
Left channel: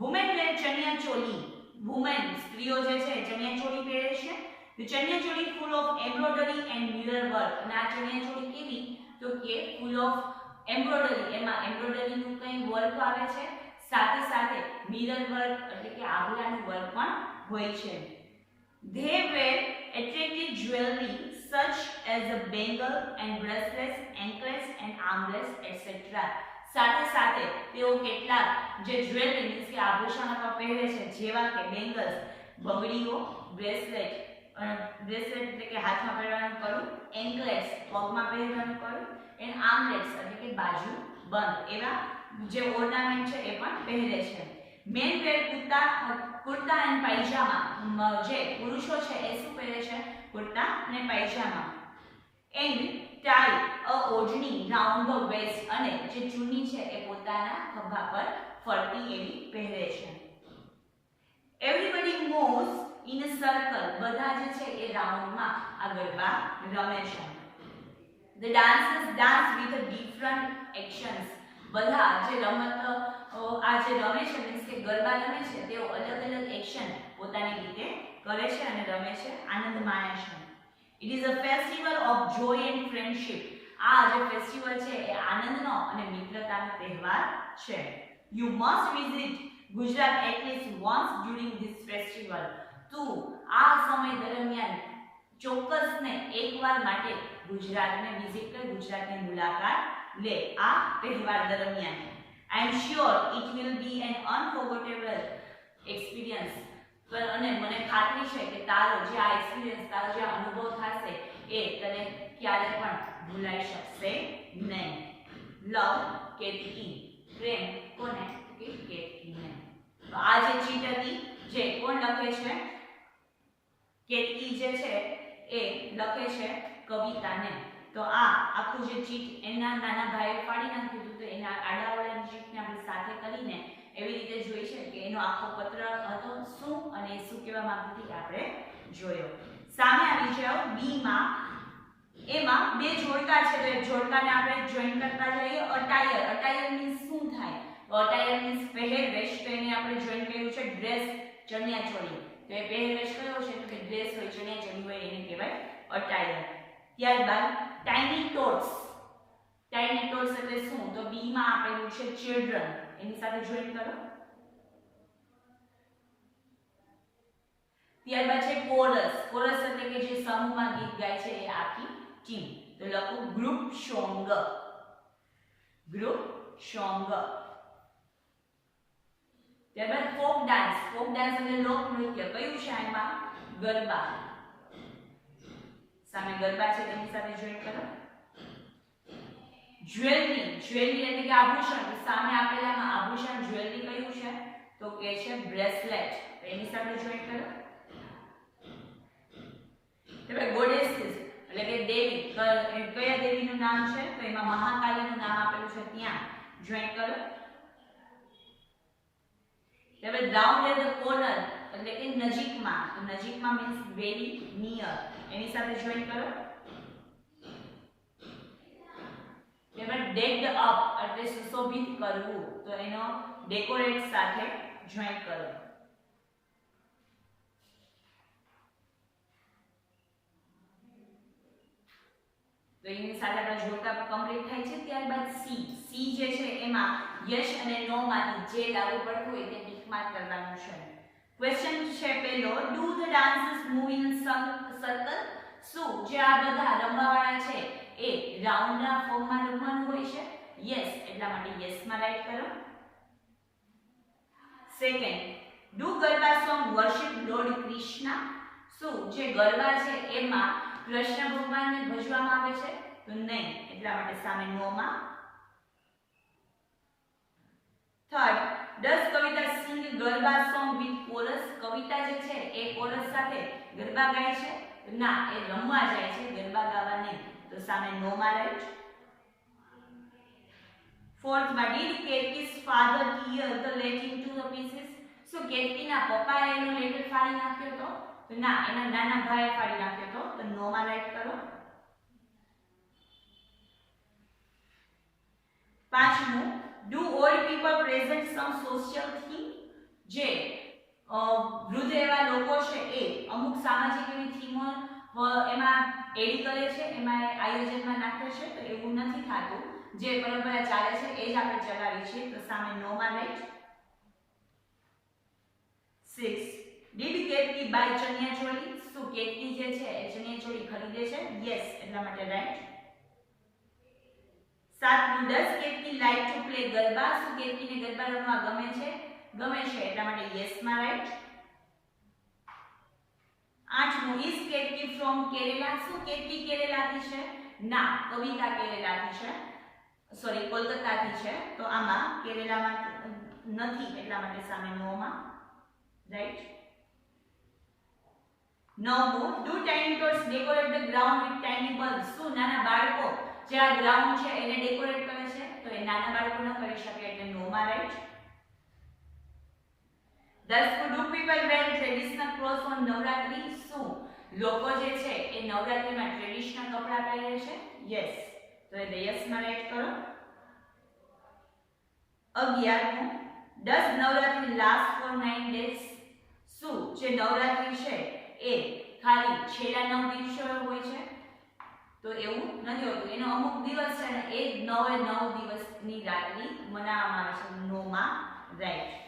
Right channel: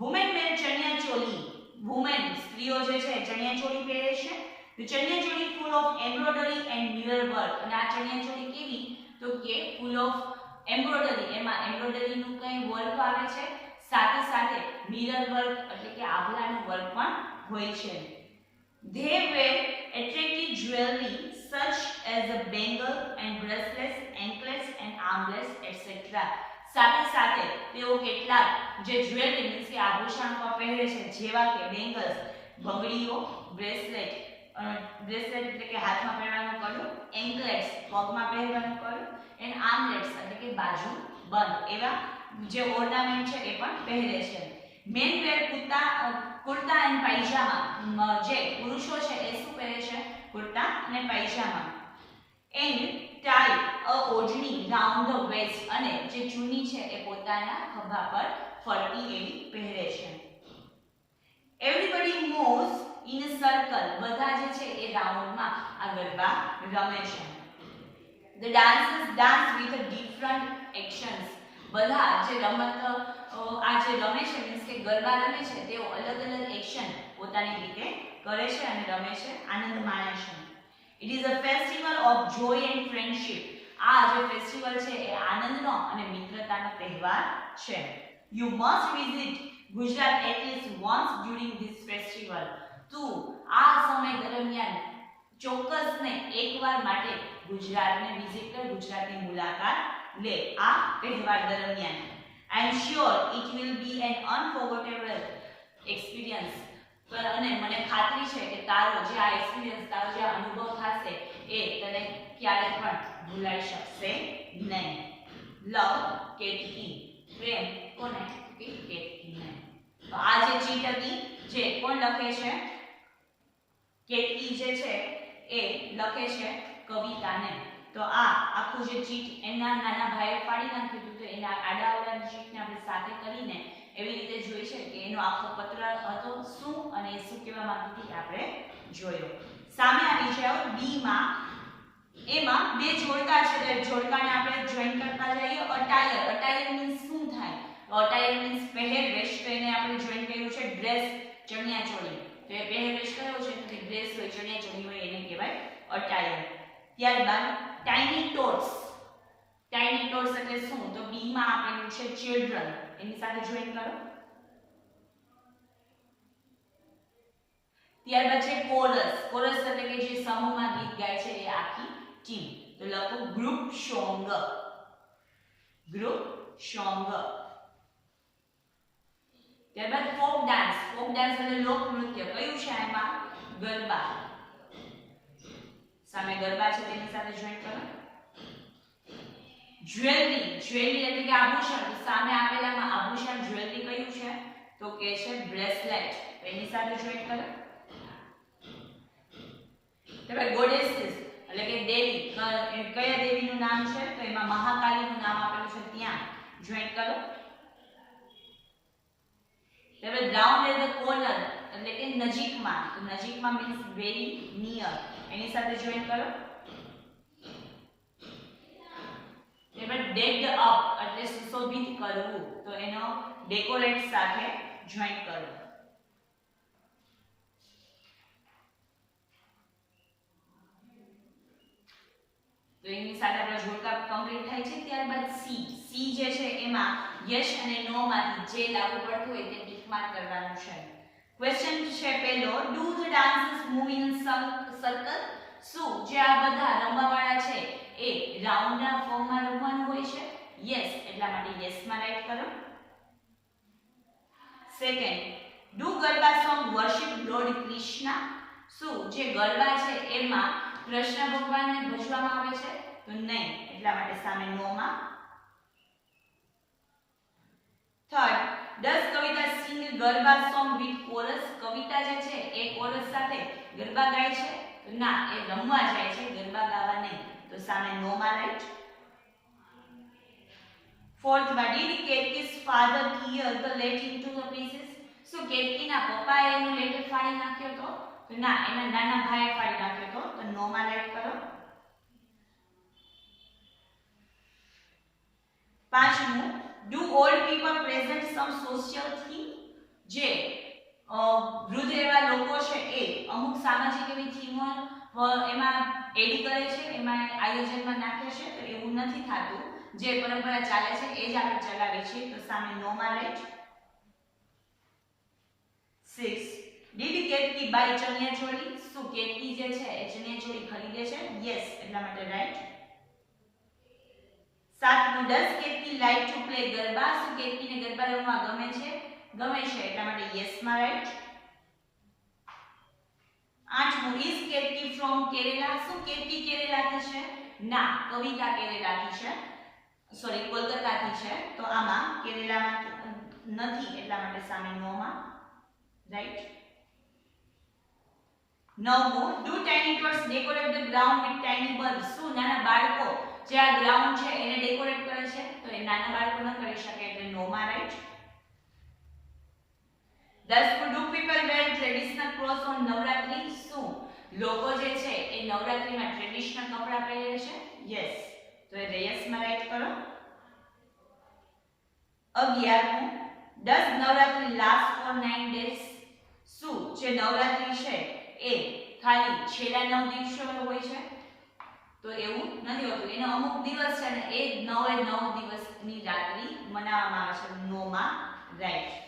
વુમેન વેર ચણિયા ચોલી. વુમેન સ્ત્રીઓ જે છે ચણિયા ચોળી પહેરે છે. The chaniya choli full of embroidery and mirror work. અને આ ચણિયા ચોળી કેવી? તો કે ફૂલ ઓફ એમ્બ્રોઇડરી. એમાં એમ્બ્રોઇડરીનું કંઈ વર્ક આવે છે, સાથે સાથે મિરર વર્ક એટલે કે આભલાનું વર્ક પણ હોય છે. They wear attractive jewelry such as a bangle and bracelets, anklets and armlets etc. સાથે સાથે તેઓ કેટલાક જે જ્વેલરી મીન્સ કે આભૂષણો પહેરે છે, જેવા કે બેંગલ્સ બંગડીઓ, બ્રેસલેટ એટલે કે હાથમાં પહેરવાનું કડું, એન્કલેટ્સ પગમાં પહેરવાનું કડું, એન્ડ આર્મલેટ્સ એટલે કે બાજુ બંધ એવા જે ઓર્નામેન્ટ છે એ પણ પહેરે છે. Men wear kurta and pyjama. જે પુરુષો છે એ શું પહેરે છે? કુર્તા અને pyjama. And tie a odhni round the waist. અને જે ચૂની છે એ પોતાના ખભા પર ફરતી એવી પહેરે છે. Everybody moves in a circle. બધા જે છે એ રાઉન્ડમાં આ ગરબા રમે છે. The dancers dance with different actions. બધા જે રમત આ જે રમે છે મીન્સ કે ગરબા રમે છે તેઓ અલગ અલગ એક્શન પોતાની રીતે કરે છે અને રમે છે, આનંદ માણે છે. It is a festival of joy and friendship. આ જે ફેસ્ટિવલ છે એ આનંદનો અને મિત્રતાનો તહેવાર છે. You must visit Gujarat at least once during this festival. તું આ સમય દરમિયાન ચોક્કસને એકવાર માટે ગુજરાતને વિઝિટ કર, ગુજરાતની મુલાકાત લે આ તહેવાર દરમિયાન. I am sure it will be an unforgettable experience. અને મને ખાતરી છે કે તારો જે આ એક્સપિરિયન્સ, તારો જે અનુભવ થશે એ તને ક્યારે પણ ભૂલાઈ શકશે નહીં. લવ કેતકી. પ્રેમ કોને? કેતકીને. તો આ જે ચીટ હતી જે કોણ લખે છે? કેતકી જે છે એ લખે છે કવિતાને. તો આ આખું જે ચીટ એના નાના ભાઈએ ફાડી નાખ્યું હતું, તો એના આડાવાળાની ચીટને આપણે સાથે કરીને એવી રીતે જોઈ છે કે એનો આખો પત્ર હતો શું અને શું કહેવા માંગતી હતી આપણે જોયો. સામે આવી જાવ બી માં. એમાં બે જોડકા છે, તો જોડકાને આપણે જોઈન કરતા જઈએ. અટાયર. અટાયર મીન્સ શું થાય? તો અટાયર મીન્સ પહેરવેશ, તો એને આપણે જોઈન કર્યું છે ડ્રેસ, ચણિયાચોળી. તો એ પહેરવેશ કયો છે? તો કે ડ્રેસ હોય, ચણિયાચોળી હોય, એને કહેવાય અટાયર. ત્યારબાદ ટાઇની ટોટ્સ. ટાઇની ટોટ્સ એટલે શું? તો બી માં આપેલું છે ચિલ્ડ્રન, એની સાથે જોઈન કરો. ત્યારબાદ છે કોરસ. કોરસ એટલે કે જે સમૂહમાં ગીત ગાય છે એ આખી ટીમ. તો લખો ગ્રુપ સોંગ. Group song. ત્યારબાદ ફોક ડાન્સ. ફોક ડાન્સ એટલે લોક નૃત્ય. કયું છે આમાં? ગરબા. સામે ગરબા છે તેની સાથે જોઈન કરો. જ્વેલરી. જ્વેલરી એટલે કે આભૂષણ. સામે આપેલામાં આભૂષણ જ્વેલરી કયું છે? તો કે છે બ્રેસલેટ. તો એની સાથે જોઈન કરો. ત્યારબાદ ગોડેસીસ એટલે કે દેવી. કયા દેવીનું નામ છે? તો એમાં મહાકાલીનું નામ આપેલું છે, ત્યાં જોઈન કરો. ત્યારબાદ રાઉન્ડ એટ ધ કોર્નર એટલે કે નજીકમાં. તો નજીકમાં મીન્સ વેરી નિયર, એની સાથે જોઈન કરો. ત્યારબાદ ડેક્ડ અપ એટલે સુશોભિત કરવું, તો એનો ડેકોરેટ સાથે જોઈન કરો. તો એની સાથે આપણા જોડકા કમ્પ્લીટ થાય છે. ત્યારબાદ સી. સી જે છે એમાં યસ અને નો માંથી જે લાગુ પડતું હોય તે ટિક માર્ક કરવાનું છે. ક્વેશ્ચન છે પહેલો, do the dancers move in circle. શું જે આ બધા રમવાવાળા છે એ રાઉન્ડના ફોર્મમાં રમવાનું હોય છે? યસ, એટલા માટે યસ માં રાઈટ કરો. Second, do garba song worship lord Krishna. શું જે ગરબા છે એમાં કૃષ્ણ ભગવાનને ભજવામાં આવે છે? તો નહીં, એટલા માટે સામે નો માં. Third, does Kavita sing garba song with chorus. Kavita જે છે એ કોરસ સાથે ગરબા ગાય છે? તો ના, એ રમવા જાય છે, ગરબા ગાવા નહીં. તો સામે નો માં રાઈટ. ફોર્થ માં, did Ketaki's father tear the letter into the pieces. શું કેતકીના પપ્પાએ એનો લેટર ફાડી નાખ્યો તો? તો ના, એના નાના ભાઈએ ફાડી નાખ્યો તો. તો નો માં રાઈટ કરો. પાંચમું, do old people present some social theme. જે વૃદ્ધ એવા લોકો છે એ અમુક સામાજિક એવી થીમો એમાં એડ કરે છે, એમાં આયોજનમાં નાખે છે. તો એવું નથી થતું, જે પરંપરા ચાલે છે એ જ આપણે ચલાવી છે. તો સામે નો માં રાઈટ. 6, ડીડ કેતકી બાય ચણિયાચોળી. શું કેતકી જે છે એ ચણિયાચોળી ખરીદે છે? યસ, એટલા માટે right. 7, does Ketaki like to play garba. શું કેતકીને ગરબા રમવા ગમે છે? ગમે છે, એટલા માટે યસ માં right. 8, is Ketaki from Kerala. શું કેતકી કેરેલાથી છે? ના, કવિતા કેરેલાથી છે, સોરી કોલકાતાથી છે. તો આમાં કેરેલામાં નથી, એટલા માટે સામે નો માં right. 9, do tiny ટોટ્સ decorate the ground with tiny bulb. શું નાના બાળકો જે આ ગ્રાઉન્ડ છે એને ડેકોરેટ કરે છે? તો એ નાના બાળકો ન કરી શકે, એટલે નો માં write. 10, do people wear traditional clothes on Navratri. શું લોકો જે છે એ નવરાત્રીમાં ટ્રેડિશનલ કપડાં પહેરે છે? યસ, તો એ યસ માં રાઈટ કરો. 11મું, Does Navratri last for 9 days? શું જે નવરાત્રી છે એ ખાલી છેલ્લા 9 દિવસો હોય છે? તો એવું નથી હોતું. એનો અમુક દિવસ છે ને એ 9 દિવસની રાત્રિ મનાવવામાં આવે છે. નોમાં રાઈટ.